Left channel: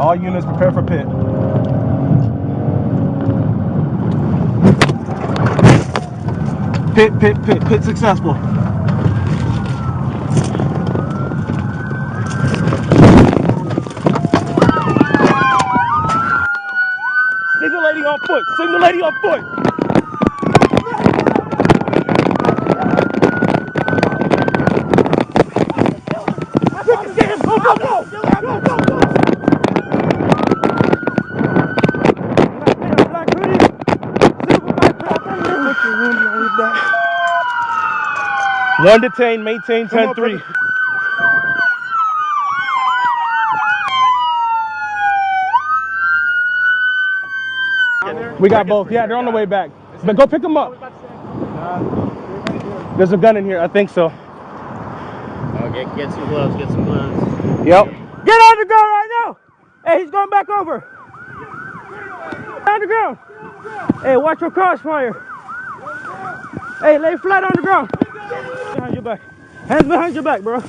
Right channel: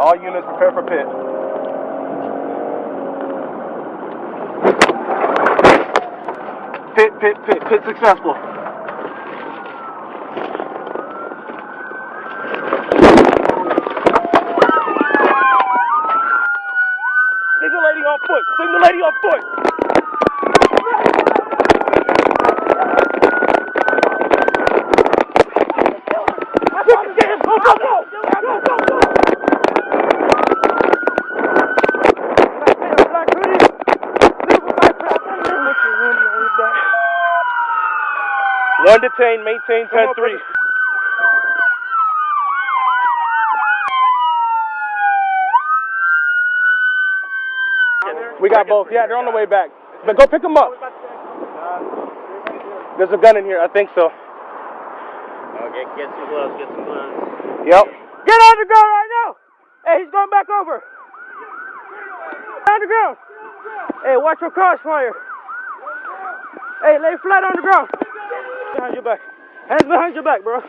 All units prepare for pit. Pit successful. Signal lady on foot. Signal lady on foot. Go, go, go. Go, go, go. 1 detained, maintain 10-3. We got both. Yeah, they're on the way back. But go pick them up. There's a gun in here. I think so. Oh, get some gloves. Get some gloves. Yep. Get on the ground right now. Hey, he's going back over. On the ground. Hey, watch your crossfire. Hey, lay flat on the ground. Behind your back. Hands behind your back, bro.